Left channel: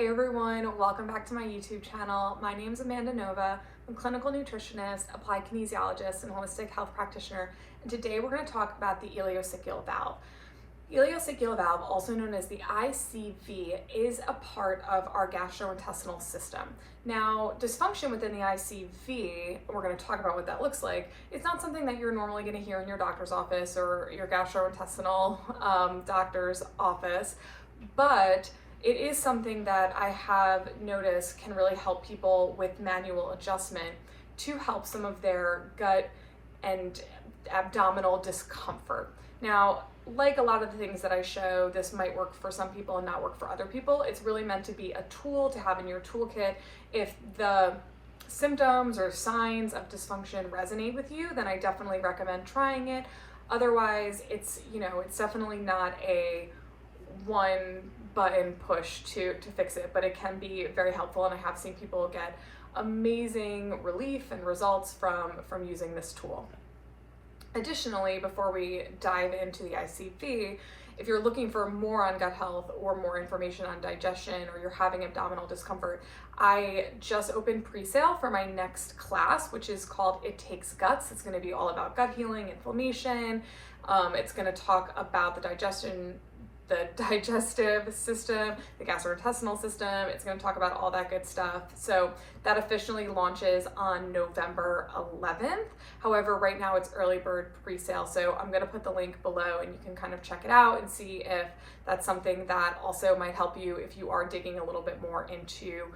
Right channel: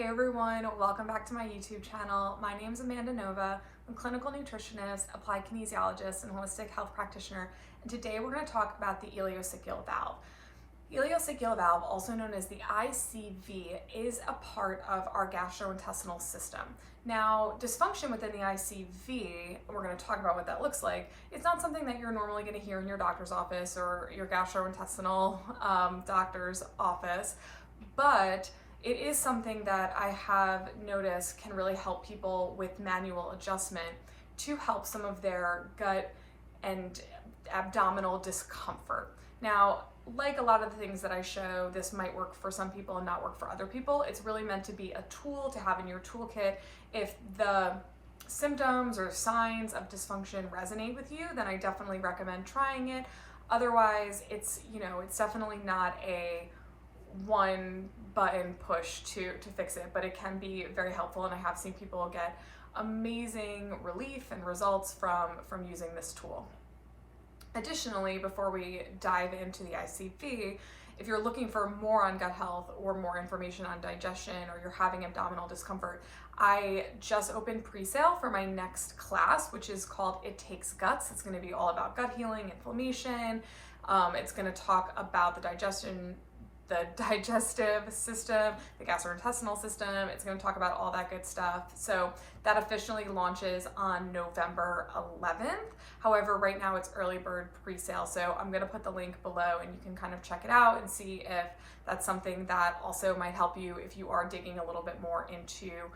Hey everyone, welcome back to my YouTube channel. My name is Amanda Nova. I'm a clinical nutritionist, applied kinesiologist, and holistic health practitioner. And today we're going to talk about the ileocecal valve. Ileocecal valve, also known as the ICV, is a part of our gastrointestinal system. Now, dysfunction within the ICV, we're going to talk about what that looks like. It's not something that you're normally going to hear in your doctor's office or your gastrointestinal doctor's office, but it is something that I have noticed can really help people with manual adjustment to help some of their gut and abdominal discomfort. Now, like a lot of the things that I show, this might work for some people and not work for other people. It's really meant to be a tool to have in your toolkit. If the symptoms or signs of dysfunction resonate with you, then I definitely recommend trying it. Otherwise, it's definitely not a one button push to fix it, but it can be very helpful, and I have seen people get amazing relief and results from using this tool. Additionally, before we dive into the ICV, if you're looking for more on gut health or more information on digestion, or you're having abdominal discomfort, I just opened pre-sale for my next class, which is called It Takes Guts. It's going to be all about gut healing, inflammation. It's going to talk about the digestive system, the gastrointestinal system. It's going to talk about all that good stuff. So that officially launches on November 11th. However, right now it's early bird pre-sale. So I'm going to put the link below and you can kind of check it out and see if that's something that also might help you if you are digging a little bit more into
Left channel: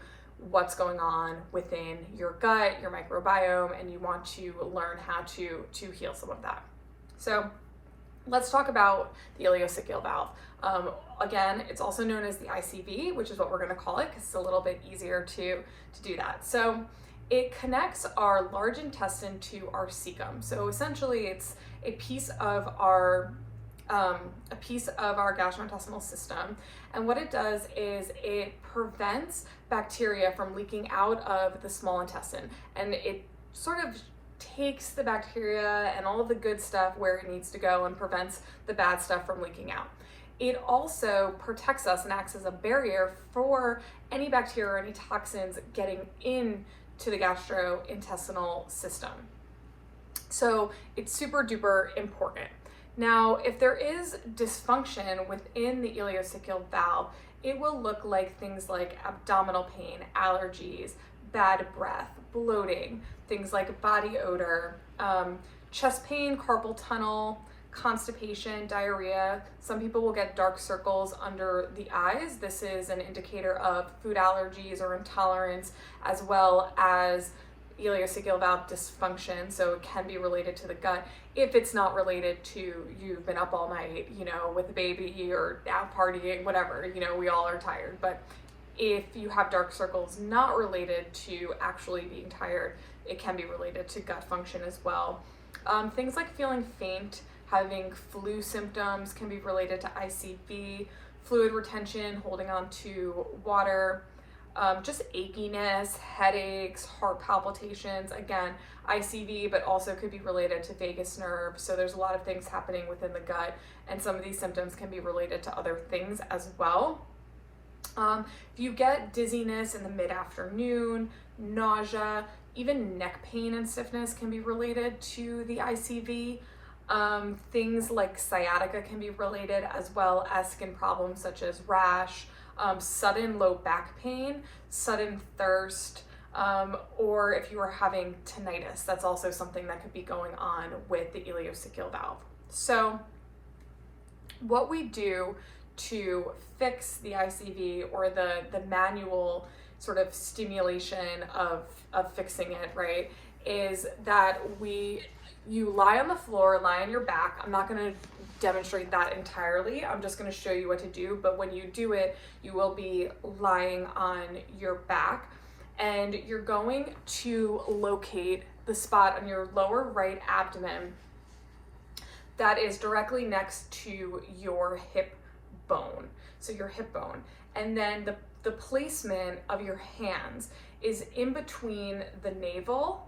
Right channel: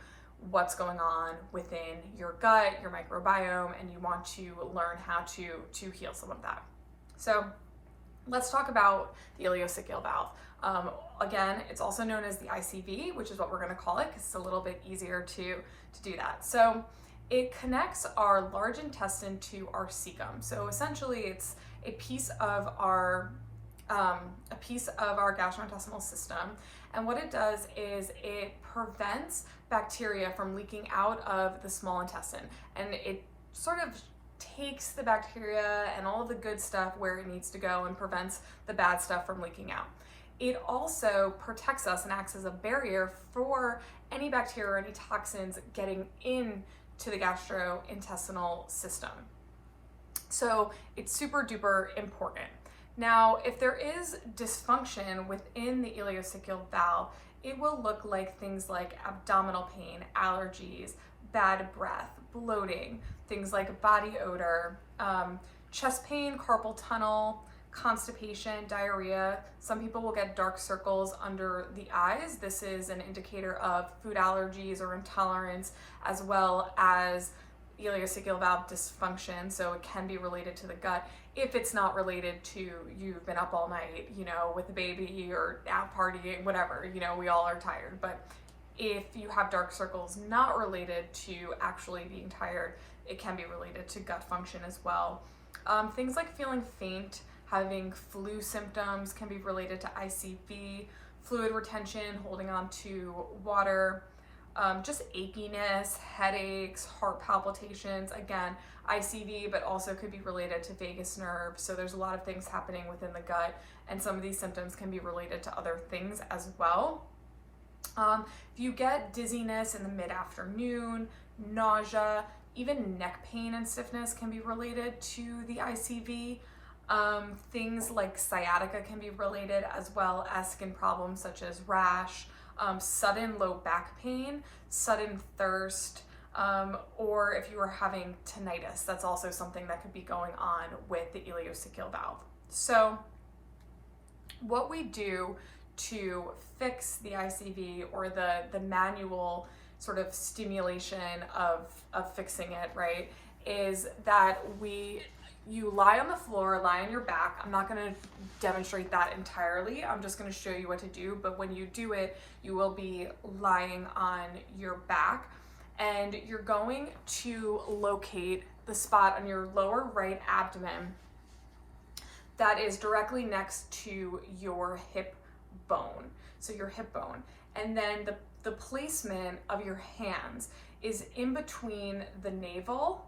what's going on within your gut, your microbiome, and you want to learn how to heal some of that. So let's talk about the ileocecal valve. Again, it's also known as the ICV, which is what we're going to call it because it's a little bit easier to do that. So it connects our large intestine to our cecum. So essentially, it's a piece of our gastrointestinal system. And what it does is it prevents bacteria from leaking out of the small intestine, and it sort of takes the bacteria and all of the good stuff where it needs to go and prevents the bad stuff from leaking out. It also protects us and acts as a barrier for any bacteria or any toxins getting into the gastrointestinal system. So it's super duper important. Now, if there is dysfunction within the ileocecal valve, it will look like things like abdominal pain, allergies, bad breath, bloating, things like body odor, chest pain, carpal tunnel, constipation, diarrhea. Some people will get dark circles under the eyes. This is an indicator of food allergies or intolerance, as well as ileocecal valve dysfunction. So it can be related to the gut if it's not related to you've been up all night, with a baby or out partying, whatever, we all are tired. But if you have dark circles not related to actually being tired, it can be related to gut function as well. Things like feeling faint, having flu symptoms can be related to ICV, fluid retention, holding on to water, just achiness, headaches, heart palpitations, again, ICV, but also could be related to vagus nerve. So there's a lot of things happening within the gut, and some of these symptoms can be related to other things as well. If you get dizziness in the mid-afternoon, nausea, even neck pain and stiffness can be related to the ICV. Things like sciatica can be related, as well as skin problems such as rash, sudden low back pain, sudden thirst, or if you are having tinnitus, that's also something that could be going on with the ileocecal valve. So what we do to fix the ICV, or the manual sort of stimulation of fixing it, right, is that you lie on the floor, lie on your back. I'm not going to demonstrate that entirely. I'm just going to show you what to do. But when you do it, you will be lying on your back, and you're going to locate the spot on your lower right abdomen that is directly next to your hip bone. So your hip bone. And then the placement of your hands is in between the navel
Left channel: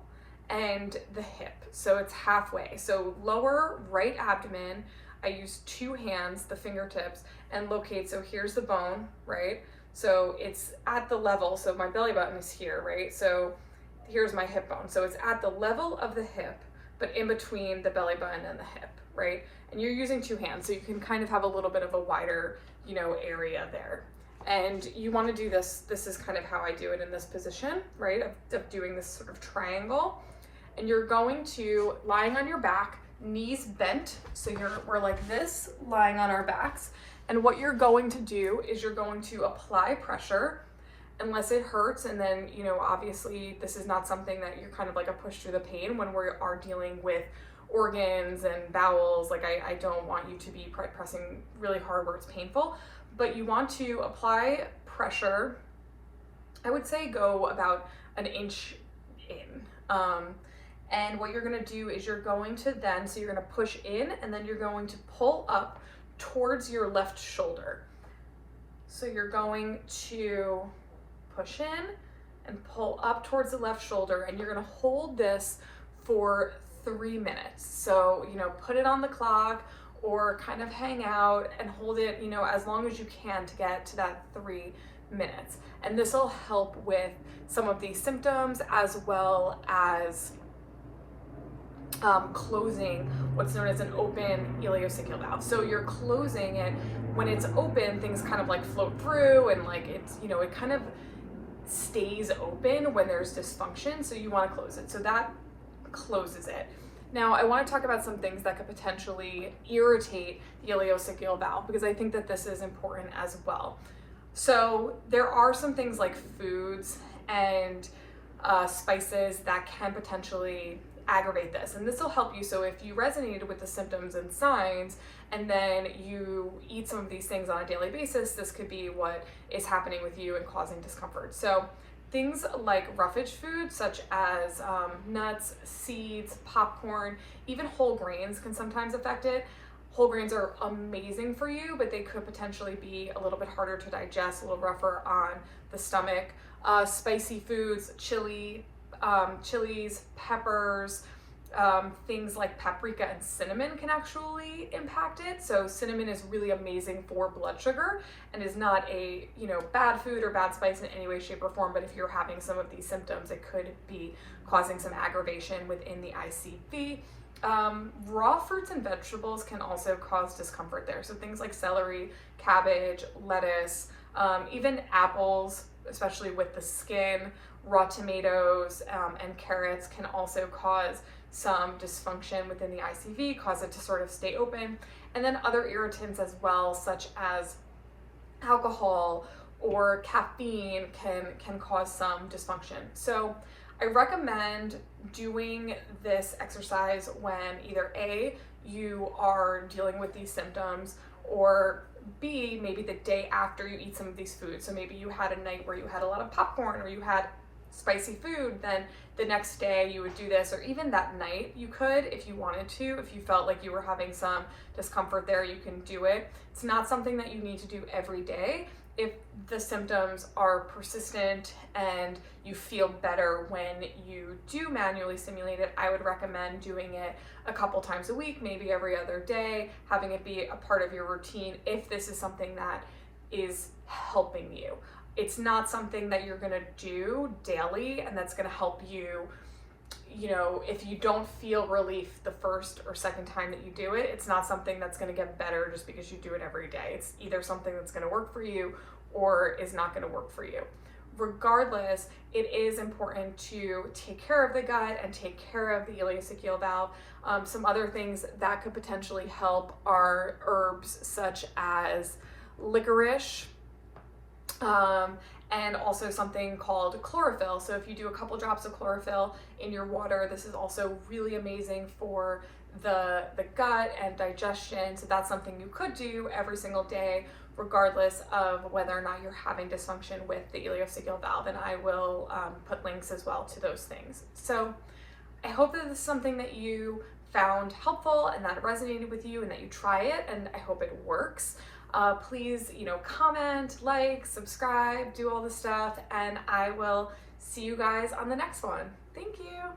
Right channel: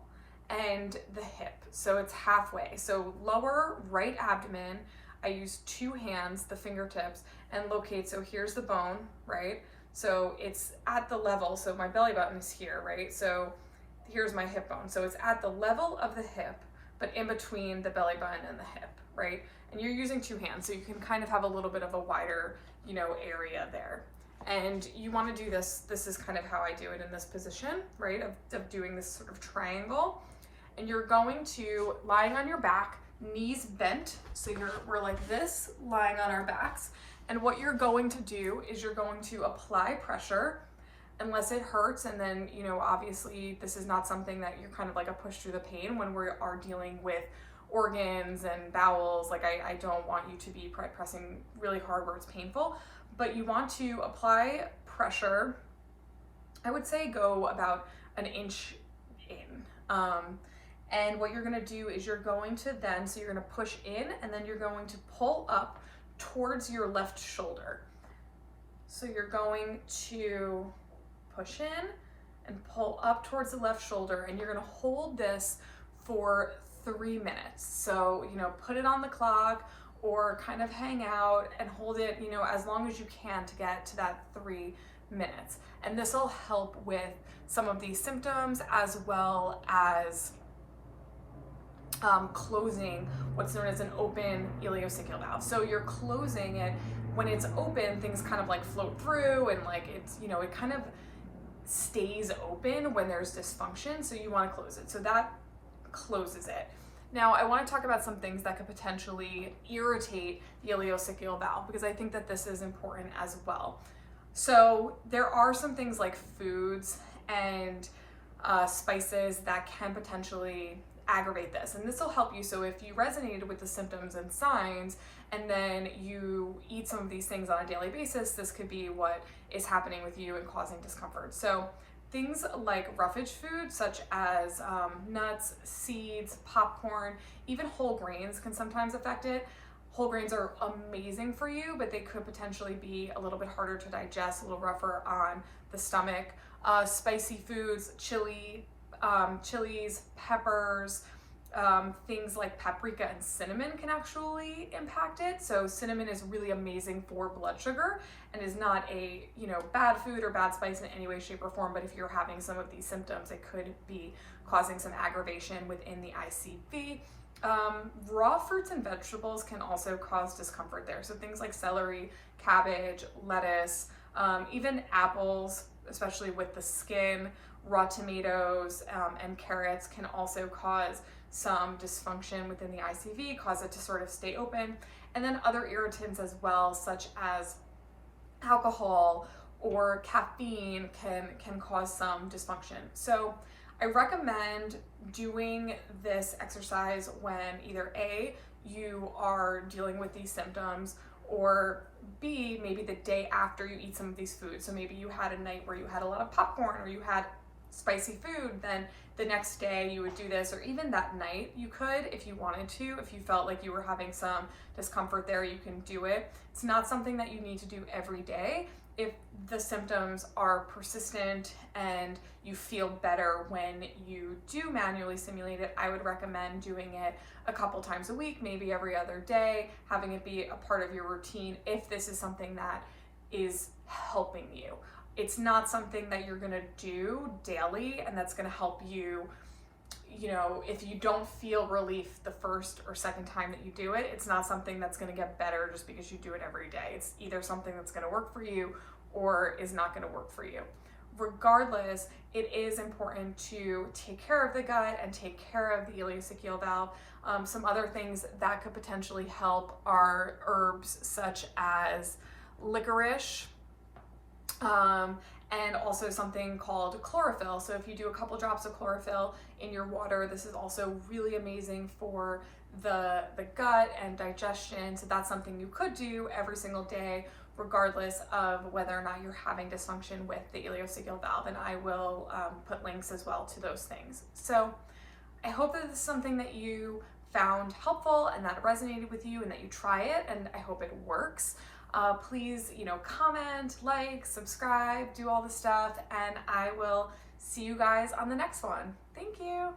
and the hip. So it's halfway. So lower right abdomen, I use two hands, the fingertips, and locate. So here's the bone, right? So it's at the level, so my belly button is here, right? So here's my hip bone. So it's at the level of the hip, but in between the belly button and the hip, right? And you're using two hands, so you can kind of have a little bit of a wider, area there. And you want to do this is kind of how I do it in this position, right? Of doing this sort of triangle. And you're going to, lying on your back, knees bent, so we're like this, lying on our backs. And what you're going to do is you're going to apply pressure unless it hurts. And then, obviously this is not something that you're kind of like a push through the pain when we are dealing with organs and bowels. Like I don't want you to be pressing really hard where it's painful, but you want to apply pressure. I would say go about an inch in. And what you're gonna do is you're going to then, so you're gonna push in and then you're going to pull up towards your left shoulder. So you're going to push in and pull up towards the left shoulder, and you're gonna hold this for 3 minutes. So, put it on the clock or kind of hang out and hold it, as long as you can to get to that 3 minutes. And this will help with some of these symptoms as well as closing what's known as an open ileocecal valve. So you're closing it. When it's open, things kind of like float through, and like it's, it kind of stays open when there's dysfunction. So you want to close it. So that closes it. Now I want to talk about some things that could potentially irritate the ileocecal valve, because I think that this is important as well. So there are some things like foods and spices that can potentially aggravate this, and this will help you. So if you resonated with the symptoms and signs and then you eat some of these things on a daily basis, this could be what is happening with you and causing discomfort. So things like roughage foods such as nuts, seeds, popcorn, even whole grains can sometimes affect it. Whole grains are amazing for you, but they could potentially be a little bit harder to digest, a little rougher on the stomach. Spicy foods, chilies, peppers, things like paprika and cinnamon can actually impact it. So cinnamon is really amazing for blood sugar and is not a, bad food or bad spice in any way, shape, or form. But if you're having some of these symptoms, it could be causing some aggravation within the ICV. Raw fruits and vegetables can also cause discomfort there. So things like celery, cabbage, lettuce, even apples, especially with the skin, raw tomatoes, and carrots can also cause some dysfunction within the ICV, cause it to sort of stay open. And then other irritants as well, such as alcohol or caffeine can cause some dysfunction. So I recommend doing this exercise when either A, you are dealing with these symptoms, or B, maybe the day after you eat some of these foods. So maybe you had a night where you had a lot of popcorn or you had spicy food, then the next day you would do this, or even that night you could, if you wanted to. If you felt like you were having some discomfort there, you can do it. It's not something that you need to do every day. If the symptoms are persistent and you feel better when you do manually stimulate it, I would recommend doing it a couple times a week, maybe every other day, having it be a part of your routine if this is something that is helping you. It's not something that you're gonna do daily and that's gonna help you, if you don't feel relief the first or second time that you do it, it's not something that's gonna get better just because you do it every day. It's either something that's gonna work for you or is not gonna work for you. Regardless, it is important to take care of the gut and take care of the ileocecal valve. Some other things that could potentially help are herbs such as licorice, and also something called chlorophyll. So if you do a couple drops of chlorophyll in your water, this is also really amazing for the gut and digestion. So that's something you could do every single day, regardless of whether or not you're having dysfunction with the ileocecal valve. And I will put links as well to those things. So I hope that this is something that you found helpful and that it resonated with you and that you try it, and I hope it works. Please, comment, like, subscribe, do all the stuff, and I will see you guys on the next one. Thank you.